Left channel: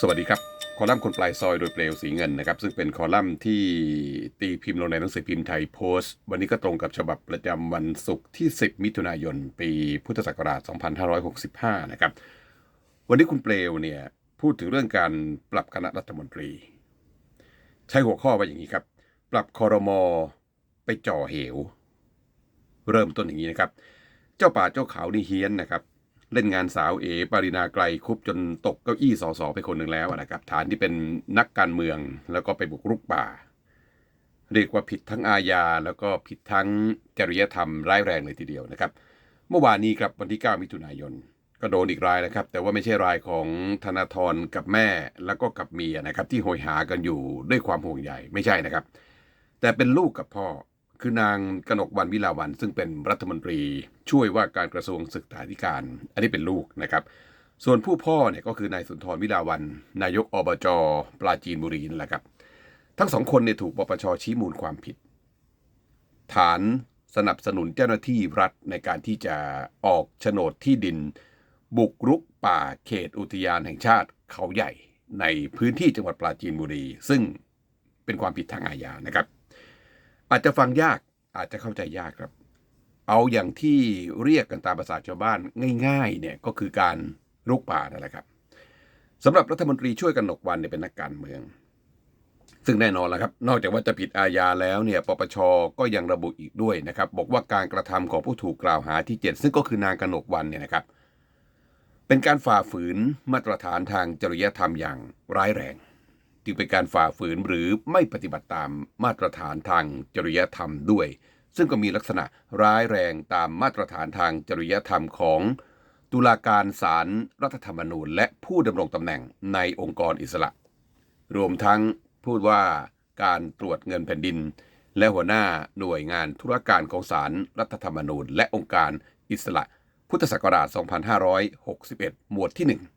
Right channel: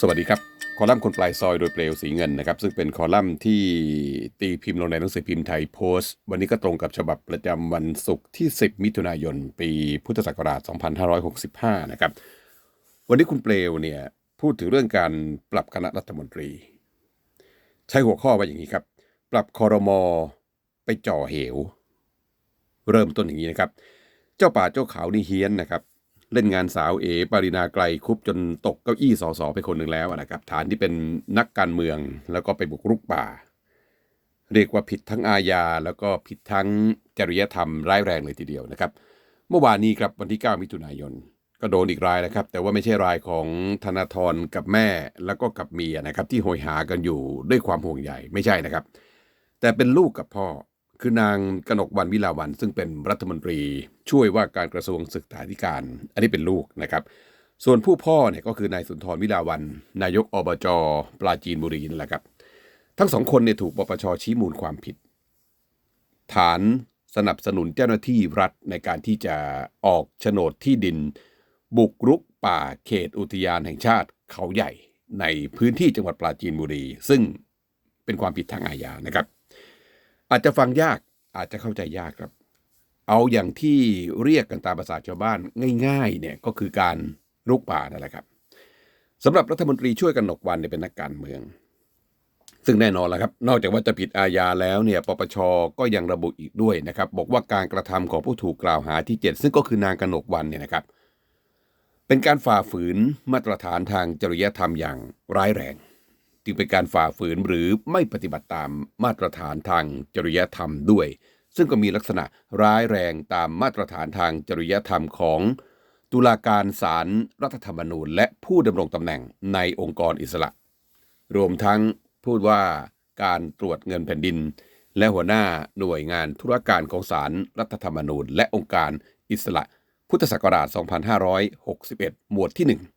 สวัสดีครับ คอลัมน์คนปลายซอยโดยเปลวสีเงินนะครับ ซึ่งเป็นคอลัมน์ที่ตีพิมพ์ลงในหนังสือพิมพ์ไทยโพสต์ วันนี้ก็ตรงกับฉบับประจำวันศุกร์ที่ 10 มิถุนายน ปีพุทธศักราช 2565 นะครับ วันนี้คุณเปลวเนี่ยพูดถึงเรื่องการปรับคณะรัฐมนตรี ใช้หัวข้อว่าอย่างนี้ครับ ปรับคอรมอไปจ่อเหว เริ่มต้นอย่างนี้นะครับ เจ้าป่าเจ้าเขานี่เฮี้ยนนะครับ เล่นงานสาวเอ ปรินาไกลคุบจนตกเก้าอี้สอสอไปคนหนึ่งแล้วนะครับ ฐานที่เป็นนักการเมืองแล้วก็ไปบุกรุกป่า เรียกว่าผิดทั้งอาญาแล้วก็ผิดทั้งจริยธรรมร้ายแรงเลยทีเดียวนะครับ เมื่อวานนี้ครับวันที่ 9 มิถุนายน ก็โดนอีกรายนะครับ แต่ว่าไม่ใช่รายของธนาธรกับแม่แล้วก็กับเมียนะครับ ที่โหยหากันอยู่ด้วยความห่วงใยไม่ใช่นะครับ แต่เป็นลูกกับพ่อ คือนางกนกวันวิลาวันซึ่งเป็นรัฐมนตรีช่วยว่าการกระทรวงศึกษาธิการ อันนี้เป็นลูกนะครับ ส่วนผู้พ่อเนี่ยก็คือนายสุนทรวิลาวัน นายกอบจปราจีนบุรีนั่นแหละครับ ทั้งสองคนเนี่ยถูกปปชชี้มูลความผิด ฐานสนับสนุนเจ้าหน้าที่รัฐในการที่จะออกโฉนดที่ดิน บุกรุกป่าเขตอุทยานแห่งชาติเขาใหญ่ในพื้นที่จังหวัดปราจีนบุรี ซึ่งเป็นความผิดทางอาญานะครับ อาจจะฟังยากอาจจะเข้าใจยากครับ เอาอย่างที่เรียกกันตามภาษาชาวบ้านง่ายๆเนี่ยก็คือการรุกป่านั่นแหละครับสำหรับรัฐมนตรีช่วยกันหนกวันเนี่ยเป็นนักการเมือง ซึ่งแน่นอนแล้วครับ นอกจากว่าจะผิดอาญาแล้วเนี่ยปปชก็ยังระบุอีกด้วยนะครับ บอกว่าการกระทำของผู้ถูกกล่าวหาที่ 7 ซึ่งก็คือนางกนกวันเนี่ยนะครับ เป็นการฝ่าฝืนมาตรฐานทางจริยธรรมอย่างร้ายแรง จึงเป็นการฝ่าฝืนหรือไม่ปฏิบัติตามมาตรฐานทางจริยธรรมด้วย ซึ่งก็มีลักษณะร้ายแรงตามมาตรฐานทางจริยธรรมของตุลาการศาลรรัฐธรรมนูญ และผู้ดำรงตำแหน่งในองค์กรอิสระ รวมทั้งพูดว่าการตรวจเงินแผ่นดิน และหัวหน้าหน่วยงานธุรการของศาลรรัฐธรรมนูญ และองค์การอิสระ พุทธศักราช 2561 หมวดที่ 1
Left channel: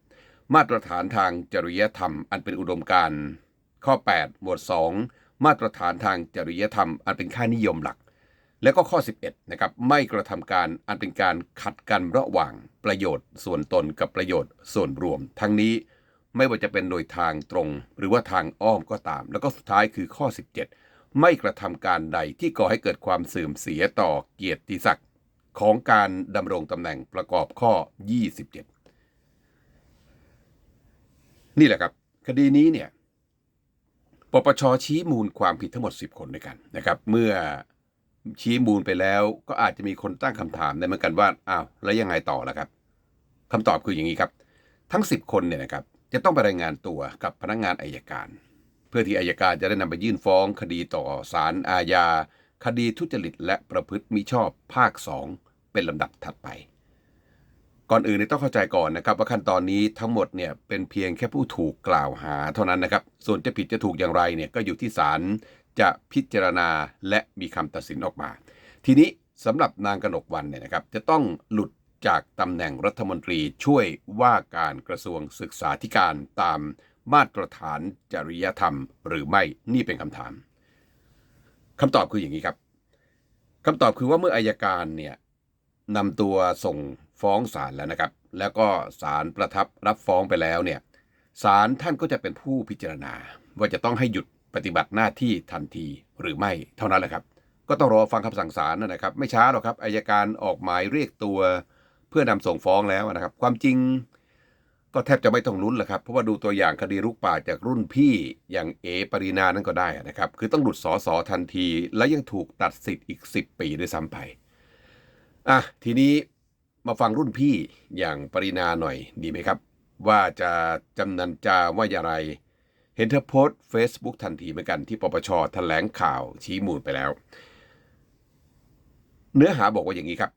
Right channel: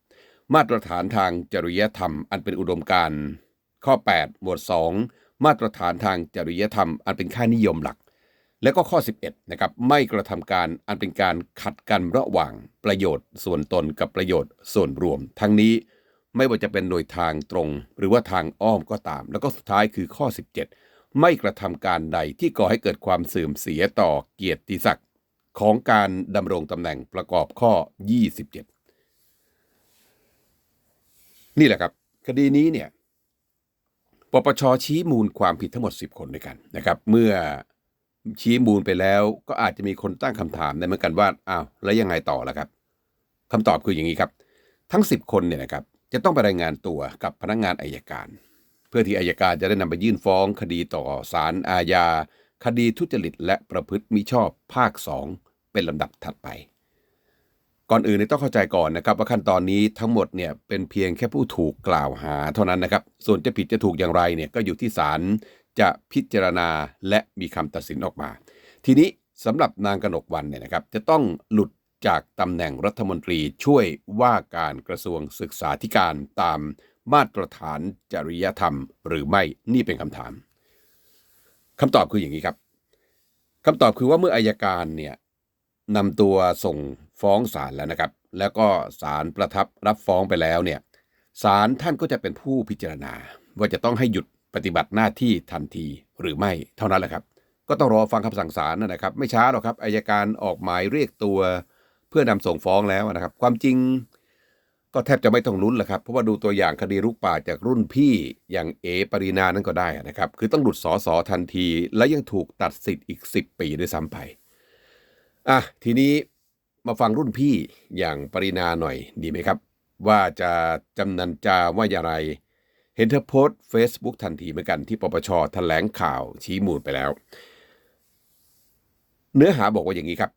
มาตรฐานทางจริยธรรมอันเป็นอุดมการณ์ข้อ 8 หมวด 2 มาตรฐานทางจริยธรรม อันเป็นค่านิยมหลัก และก็ข้อ 11นะครับไม่กระทำการอันเป็นการขัดกันระหว่างประโยชน์ส่วนตนกับประโยชน์ส่วนรวม ทั้งนี้ไม่ว่าจะเป็นโดยทางตรง หรือว่าทางอ้อมก็ตาม แล้วก็สุดท้ายคือข้อ 17 ไม่กระทำการใดที่ก่อให้เกิดความเสื่อมเสียต่อเกียรติศักดิ์ของการดำรงตำแหน่งประกอบข้อ 27 นี่แหละครับ คดีนี้เนี่ยปปชชี้มูลความผิดทั้งหมด 10 คนด้วยกันนะครับ เมื่อชี้มูลไปแล้วก็อาจจะมีคนตั้งคำถามได้เหมือนกันว่าอ้าวแล้วยังไงต่อล่ะครับคำตอบคืออย่างนี้ครับ ทั้ง 10 คนเนี่ยนะครับจะต้องไปรายงานตัวกับพนักงานอายการ เพื่อที่อายการจะได้นำไปยื่นฟ้องคดีต่อศาลอาญาคดีทุจริตและประพฤติมิชอบภาค 2 เป็นลำดับถัดไป ก่อนอื่นต้องเข้าใจก่อนนะครับว่าขั้นตอนนี้ทั้งหมดเนี่ยเป็นเพียงแค่ผู้ถูกกล่าวหาเท่านั้นนะครับ ส่วนจะผิดจะถูกอย่างไรเนี่ยก็อยู่ที่ศาลจะพิจารณาและมีคำตัดสินออกมา ทีนี้สำหรับนางกนกวันเนี่ยนะครับจะต้องหลุดจากตำแหน่งรัฐมนตรีช่วยว่าการกระทรวงศึกษาธิการตามมาตรฐานจริยธรรม หรือไม่นี่เป็นคำถามคำตอบคืออย่างนี้ครับคำตอบคือว่าเมื่ออายการเนี่ยนำตัวส่ง ฟ้องศาลแล้วนะครับ แล้วก็ศาลประทับรับฟ้องไปแล้วเนี่ยศาลท่านก็จะเป็นผู้พิจารณา ว่าจะต้องให้หยุดปฏิบัติหน้าที่ทันทีหรือไม่เท่านั้นแหละครับ ก็ต้องรอฟังคำสั่งศาลนะครับ ไม่ช้าหรอกครับอายการออกหมายเรียกตัว เพื่อนำส่งฟ้องแล้วนะครับ ความจริงก็แทบจะไม่ต้องลุ้นแหละครับ เพราะว่าดูตัวอย่างคดีรุกป่าจากรุ่นพี่อย่างเอปรินานั้นก็ได้นะครับ คือต้องหลุดสอสอทันที และยังถูกตัดสิทธิ์อีก 10 ปีด้วยซ้ำไป อะ ทีนี้ มาฟังรุ่นพี่อย่างปรินาหน่อยดีไหมครับ ว่าจะจำนันจาว่าอย่างไร เห็นเธอโพสต์ Facebook ทันทีเหมือนกันที่ปปชแถลงข่าวชี้มูลไปแล้ว เนื้อหาบอกว่าอย่างนี้ครับ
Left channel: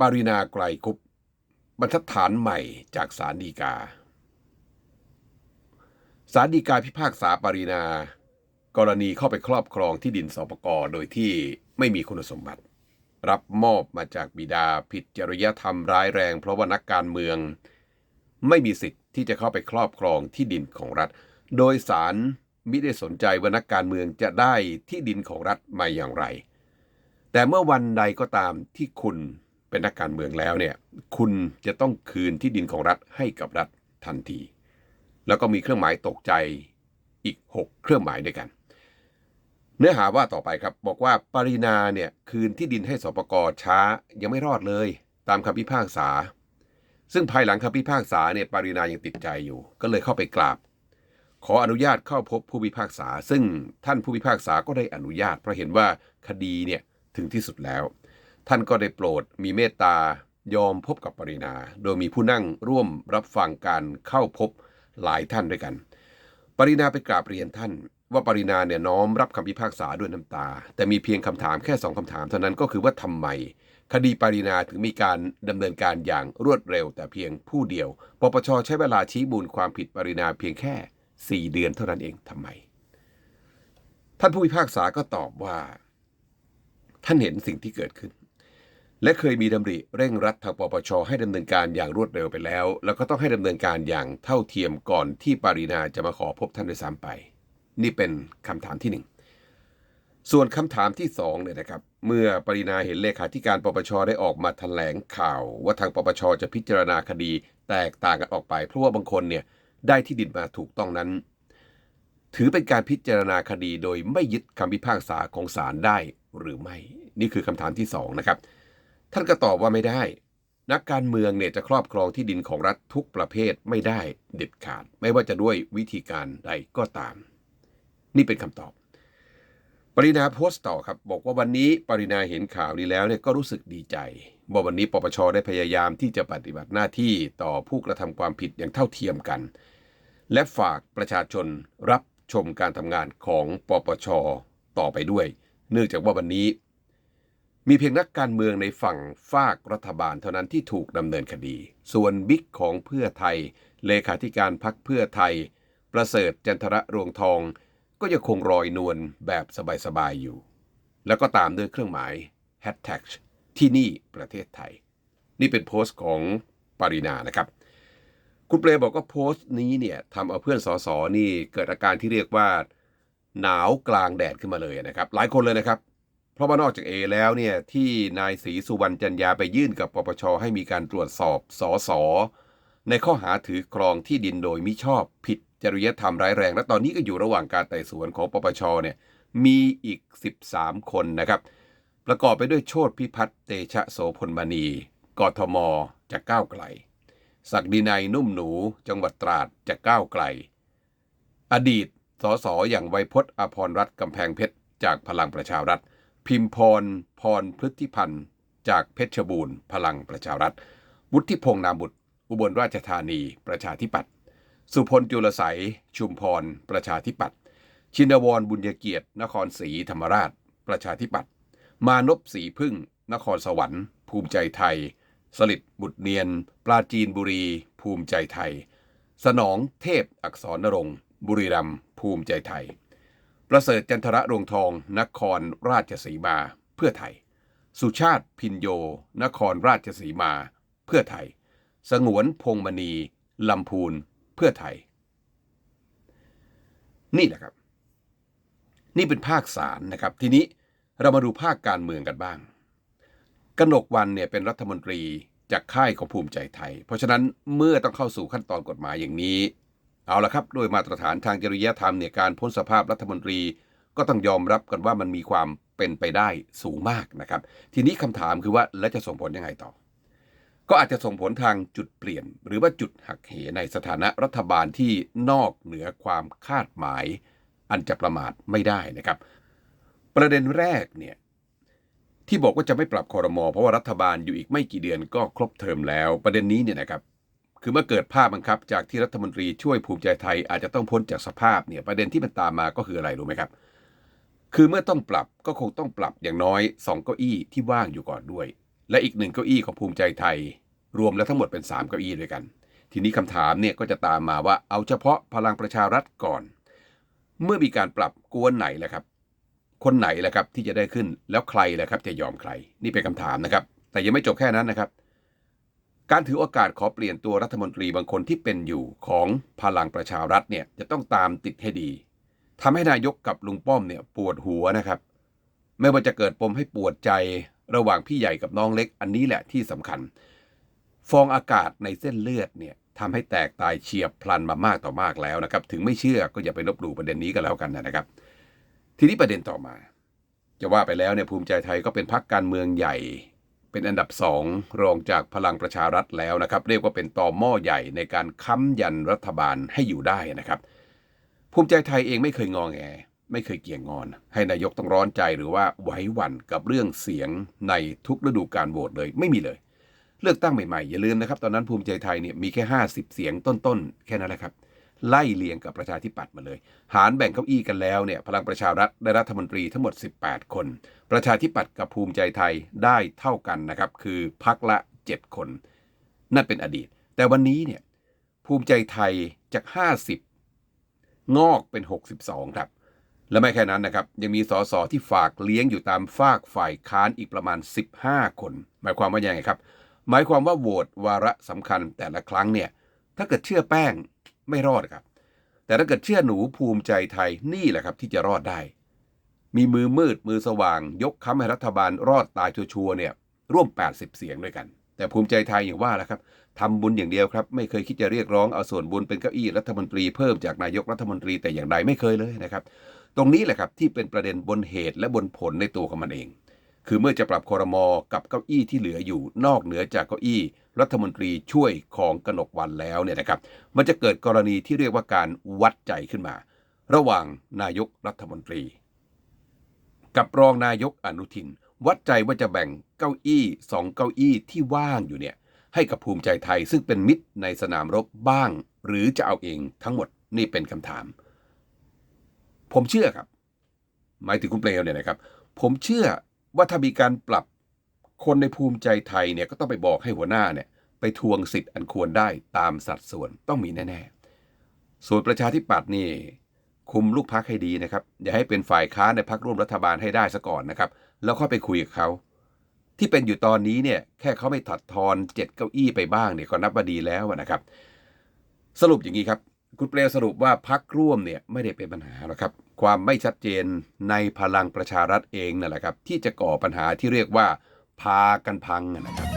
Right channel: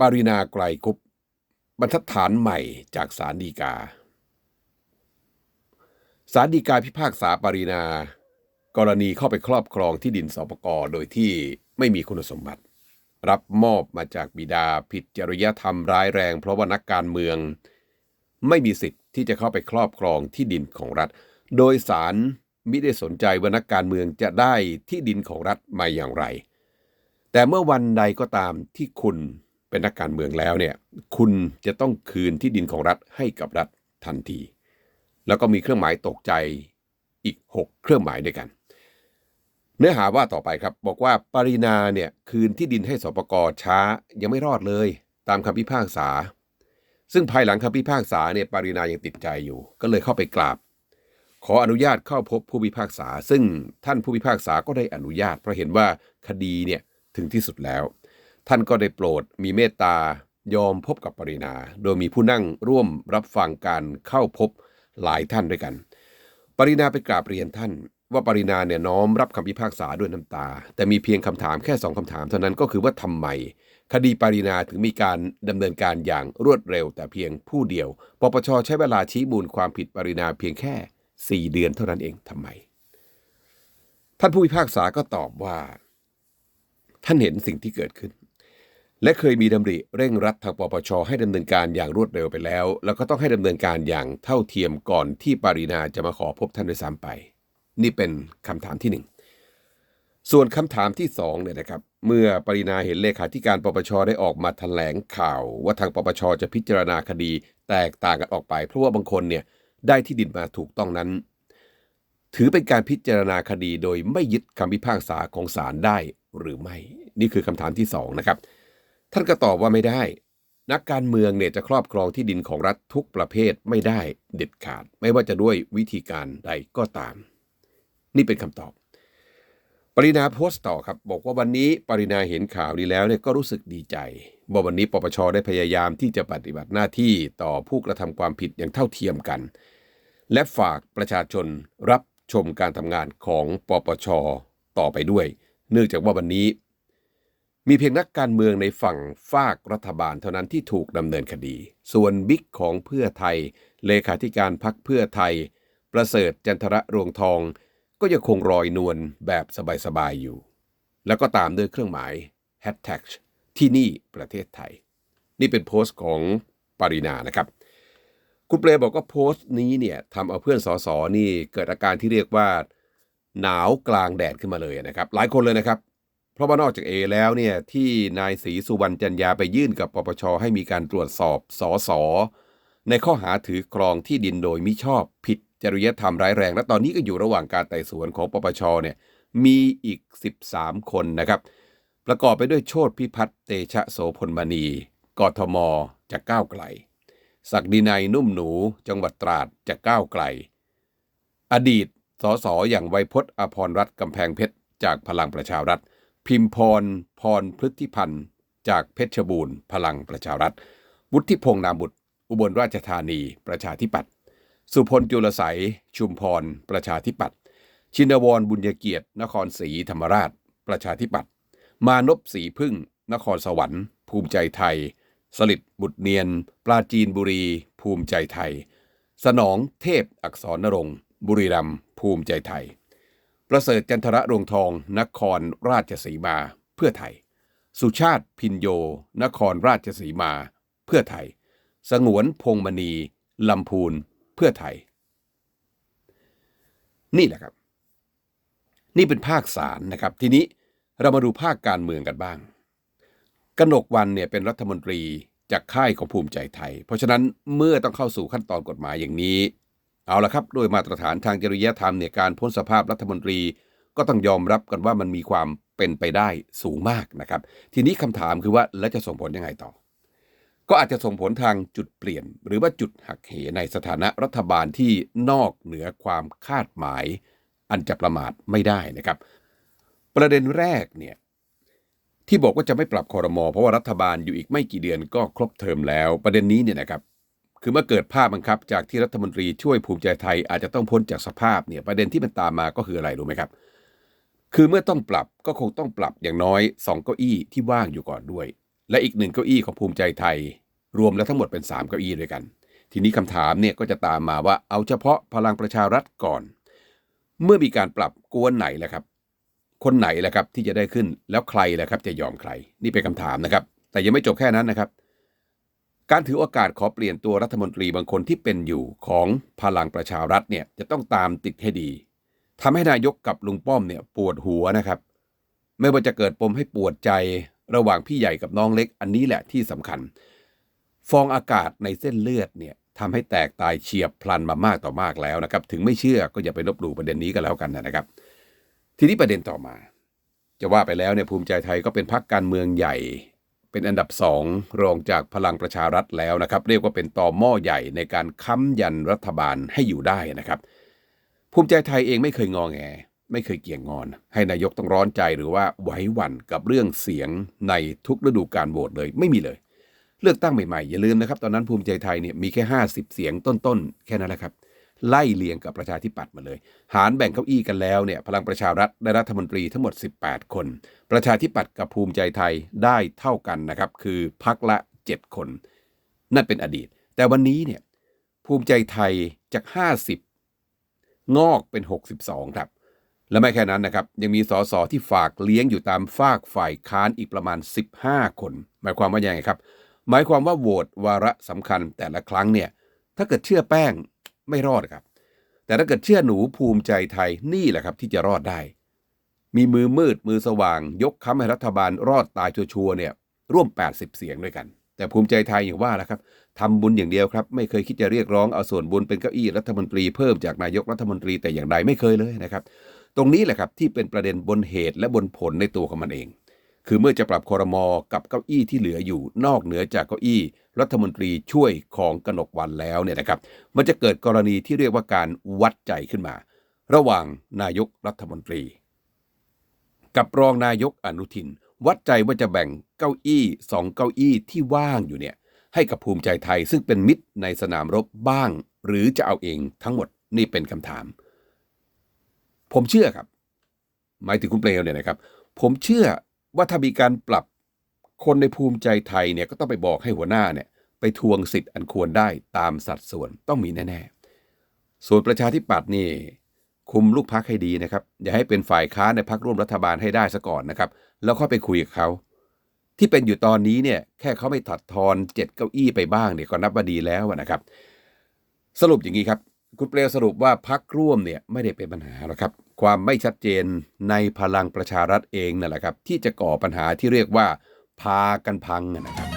ปรินาไกลคุปบรรทัดฐานใหม่จากศาลฎีกาศาลฎีกาพิพากษาปรินา กรณีเข้าไปครอบครองที่ดินสปกโดยที่ไม่มีคุณสมบัติ รับมอบมาจากบิดาผิดจริยธรรมร้ายแรง เพราะว่านักการเมือง ไม่มีสิทธิ์ที่จะเข้าไปครอบครองที่ดินของรัฐ โดยสารมิได้สนใจว่านักการเมืองจะได้ที่ดินของรัฐมาอย่างไร แต่เมื่อวันใดก็ตามที่คุณเป็นนักการเมืองแล้วเนี่ย คุณจะต้องคืนที่ดินของรัฐให้กับรัฐทันที แล้วก็มีเครื่องหมายตกใจอีก 6 เครื่องหมายด้วยกัน เนื้อหาว่าต่อไปครับ บอกว่าปรินาเนี่ยคืนที่ดินให้สปกช้ายังไม่รอดเลย ตามคำพิพากษา ซึ่งภายหลังคำพิพากษาเนี่ยปรินายังติดใจอยู่ ก็เลยเข้าไปกราบ ขออนุญาตเข้าพบผู้พิพากษา ซึ่งท่านผู้พิพากษาก็ได้อนุญาต เพราะเห็นว่าคดีเนี่ยถึงที่สุดแล้ว ท่านก็ได้โปรดมีเมตตายอมพบกับปรินา โดยมีผู้นั่งร่วมรับฟังการเข้าพบหลายท่านด้วยกัน ปรินาไปกราบเรียนท่าน ว่าปรินาเนี่ยน้อมรับคำพิพากษาด้วยน้ำตา แต่มีเพียงคำถามแค่สองคำถามเท่านั้นก็คือว่าทำไม คดีปรินาถึงมีการดำเนินการอย่างรวดเร็ว แต่เพียงผู้เดียวปปชใช้เวลาชี้มูลความผิดปรินาเพียงแค่ 4 เดือนเท่านั้นเองทำไม ท่านผู้พิพากษาก็ตอบว่า ท่านเห็นสิ่งที่เกิดขึ้น และเคยมีดำริเร่งรัดทางปปชให้ดำเนินการอย่างรวดเร็วไปแล้ว แล้วก็ต้องให้ดำเนินการอย่างเท่าเทียมก่อนที่ปรีนาจะมาขอพบท่านด้วยซ้ำไป นี่เป็นคำถามที่หนึ่งส่วนคำถามที่สองเนี่ยนะครับ เมื่อปรินาเห็นเลขาธิการปปชได้ออกมาแถลงข่าว ว่าทางปปชจะพิจารณาคดีแตกต่างกันออกไป เพราะว่าบางคนเนี่ยได้ที่ดินมาถูกต้องนั้น ถือเป็นการพิจารณาคดีโดยไม่ยึดคำพิพากษาของศาลได้หรือไม่ นี่คือคำถามที่สองนะครับ ท่านก็ตอบว่าไม่ได้ นักการเมืองเนี่ยจะครอบครองที่ดินของรัฐทุกประเภทไม่ได้เด็ดขาด ไม่ว่าจะด้วยวิธีการใดก็ตาม นี่เป็นคำตอบ ปรินาโพสต์ต่อครับ บอกว่าวันนี้ปรินาเห็นข่าวนี้แล้วเนี่ยก็รู้สึกดีใจบอกวันนี้ปปชได้พยายามที่จะปฏิบัติหน้าที่ต่อผู้กระทำความผิดอย่างเท่าเทียมกัน และฝากประชาชนรับชมการทำงานของปปชต่อไปด้วย เนื่องจากว่าวันนี้ มีเพียงนักการเมืองในฝั่งฝากรัฐบาลเท่านั้นที่ถูกดำเนินคดี ส่วนบิ๊กของเพื่อไทย เลขาธิการพักเพื่อไทย ประเสริฐจันทระรวงทอง ก็ยังคงรอยนวลแบบสบายๆอยู่ แล้วก็ตามด้วยเครื่องหมาย hashtag ที่นี่ประเทศไทย นี่เป็นโพสต์ของปารินานะครับ คุณเปรบอกว่าโพสต์นี้เนี่ยทำเอาเพื่อนสอสอนี่เกิดอาการที่เรียกว่าหนาวกลางแดดขึ้นมาเลยนะครับ หลายคนเลยนะครับ เพราะว่านอกจากเอแล้วเนี่ยที่นายศรีสุวรรณจันยาไปยื่นกับปปชให้มีการตรวจสอบสอสอ ในข้อหาถือครองที่ดินโดยมิชอบผิดจริยธรรมร้ายแรง และตอนนี้ก็อยู่ระหว่างการไต่สวนของปปชเนี่ยมีอีก 13 คนนะครับ ประกอบไปด้วยโชติพิพัฒน์เตชะโสพลมณี กทม จากก้าวไกล ศักดินัยนุ่มหนู จังหวัดตราดจากก้าวไกล อดีตสสอย่างไวยพจน์อภรรัตน์กำแพงเพชร จากพลังประชารัฐ พิมพรพรพฤทธิพันธ์ จากเพชรบูรณ์ พลังประชารัฐ วุฒิพงษ์นามบุตร อุบลราชธานีประชาธิปัตย์สุพลจุลไสยชุมพร ประชาธิปัตย์ชินวรบุญเกียรติ นครศรีธรรมราช ประชาธิปัตย์มานพศรีพึ่ง นครสวรรค์ ภูมิใจไทย สลิดบุตรเนียน ปราจีนบุรี ภูมิใจไทย สนองเทพอักษรนรงค์บุรีรัมย์ภูมิใจไทย ประเสริฐจันทระรวงทอง นครราชสีมา เพื่อไทย สุชาติพินโย นครราชสีมา เพื่อไทย สงวนพงมณีลำพูนเพื่อไทย นี่แหละครับ นี่เป็นภาคสารนะครับ ทีนี้เรามาดูภาคการเมืองกันบ้าง กนกวันเนี่ยเป็นรัฐมนตรีจากค่ายของภูมิใจไทย เพราะฉะนั้นเมื่อต้องเข้าสู่ขั้นตอนกฎหมายอย่างนี้ เอาละครับ โดยมาตรฐานทางจริยธรรมเนี่ยการพ้นสภาพรัฐมนตรีก็ต้องยอมรับกันว่ามันมีความเป็นไปได้สูงมากนะครับ ทีนี้คำถามคือว่าแล้วจะส่งผลยังไงต่อ ก็อาจจะส่งผลทางจุดเปลี่ยน หรือว่าจุดหักเหในสถานะรัฐบาลที่นอกเหนือความคาดหมาย อันจะประมาทไม่ได้นะครับ ประเด็นแรกเนี่ยที่บอกว่าจะไม่ปรับคอรมอเพราะว่ารัฐบาลอยู่อีกไม่กี่เดือนก็ครบเทอมแล้ว ประเด็นนี้เนี่ยนะครับ คือเมื่อเกิดภาพบังคับ จากที่รัฐมนตรีช่วยภูมิใจไทยอาจจะต้องพ้นจากสภาพเนี่ยประเด็นที่มันตามมาก็คืออะไรรู้ไหมครับ คือเมื่อต้องปรับก็คงต้องปรับอย่างน้อยสองเก้าอี้ที่ว่างอยู่ก่อนด้วย และอีกหนึ่งเก้าอี้ของภูมิใจไทย รวมแล้วทั้งหมดเป็นสามเก้าอี้ด้วยกัน ทีนี้คำถามเนี่ยก็จะตามมาว่าเอาเฉพาะพลังประชารัฐก่อน เมื่อมีการปรับกวนไหนแหละครับ คนไหนแหละครับที่จะได้ขึ้นแล้วใครแหละครับจะยอมใคร นี่เป็นคำถามนะครับ แต่ยังไม่จบแค่นั้นนะครับ การถือโอกาสขอเปลี่ยนตัวรัฐมนตรีบางคนที่เป็นอยู่ของพลังประชารัฐเนี่ยจะต้องตามติดให้ดีทำให้นายกกับลุงป้อมเนี่ยปวดหัวนะครับ ไม่ว่าจะเกิดปมให้ปวดใจ ระหว่างพี่ใหญ่กับน้องเล็กอันนี้แหละที่สำคัญ ฟองอากาศในเส้นเลือดเนี่ยทำให้แตกตายเฉียบพลันมามากต่อมากแล้วนะครับ ถึงไม่เชื่อก็อย่าไปลบหลู่ประเด็นนี้กันแล้วกันนะครับ ทีนี้ประเด็นต่อมา จะว่าไปแล้วเนี่ยภูมิใจไทยก็เป็นพรรคการเมืองใหญ่ เป็นอันดับสองรองจากพลังประชารัฐแล้วนะครับ เรียกว่าเป็นตอหม้อใหญ่ในการค้ำยันรัฐบาลให้อยู่ได้นะครับ ภูมิใจไทยเองไม่เคยงอแง ไม่เคยเกี่ยงงอน ให้นายกต้องร้อนใจหรือว่าไหวหวั่นกับเรื่องเสียงในทุกฤดูการโหวตเลยไม่มีเลย เลือกตั้งใหม่ๆ อย่าลืมนะครับ ตอนนั้นภูมิใจไทยเนี่ยมีแค่ 50 เสียงต้นๆ แค่นั้นแหละครับ ไล่เลียงกับประชาธิปัตย์มาเลย หารแบ่งเก้าอี้กันแล้วเนี่ยพลังประชารัฐได้รัฐมนตรีทั้งหมด 18 คน ประชาธิปัตย์กับภูมิใจไทยได้เท่ากันนะครับคือพักละ 7 คน นั่นเป็นอดีต แต่วันนี้เนี่ยภูมิใจไทยจาก 50 งอกเป็น 62 ครับ และไม่แค่นั้นนะครับ ยังมีสสที่ฝากเลี้ยงอยู่ตามฝากฝ่ายค้านอีกประมาณ 15 คน หมายความว่ายังไงครับ หมายความว่าโหวตวาระสำคัญแต่ละครั้งเนี่ยถ้าเกิดเชื่อแป้งไม่รอดครับ แต่ถ้าเกิดเชื่อหนูภูมิใจไทยนี่แหละครับที่จะรอดได้ มีมือมืดมือสว่าง ยกค้ำให้รัฐบาลรอดตายชัวร์เนี่ยร่วม 80 เสียงด้วยกัน แต่ภูมิใจไทยอย่างว่าแหละครับทำบุญอย่างเดียวครับ ไม่เคยคิดจะเรียกร้องเอาส่วนบุญเป็นเก้าอี้รัฐมนตรีเพิ่มจากนายกรัฐมนตรีแต่อย่างใดไม่เคยเลยนะครับ ตรงนี้แหละครับที่เป็นประเด็นบนเหตุและบนผลในตัวของมันเอง คือเมื่อจะปรับคอรมอกับเก้าอี้ที่เหลืออยู่นอกเหนือจากเก้าอี้ รัฐมนตรีช่วยของกนกวันแล้วเนี่ยนะครับ มันจะเกิดกรณีที่เรียกว่าการวัดใจขึ้นมา ระหว่างนายกรัฐมนตรี กับรองนายกอนุทิน วัดใจว่าจะแบ่งเก้าอี้สองเก้าอี้ที่ว่างอยู่เนี่ยให้กับภูมิใจไทยซึ่งเป็นมิตรในสนามรบบ้าง หรือจะเอาเองทั้งหมดนี่เป็นคำถาม ผมเชื่อครับ หมายถึงคุณเปลวเนี่ยนะครับ ผมเชื่อว่าถ้ามีการปรับคนในภูมิใจไทยเนี่ยก็ต้องไปบอกให้หัวหน้าเนี่ยไปทวงสิทธิ์อันควรได้ตามสัดส่วนต้องมีแน่ๆ ส่วนประชาธิปัตย์นี่ คุมลูกพักให้ดีนะครับ อย่าให้เป็นฝ่ายค้านในพักร่วมรัฐบาลให้ได้ซะก่อนนะครับ แล้วค่อยไปคุยกับเขา ที่เป็นอยู่ตอนนี้เนี่ยแค่เขาไม่ถอดทอนเจ็ดเก้าอี้ไปบ้างเนี่ยก็นับว่าดีแล้วนะครับ สรุปอย่างนี้ครับ คุณเปลวสรุปว่าพักร่วมเนี่ยไม่ได้เป็นปัญหาหรอกครับ ความไม่ชัดเจนในพลังประชารัฐเองนั่นแหละครับ ที่จะก่อปัญหาที่เรียกว่าพากันพังนะครับ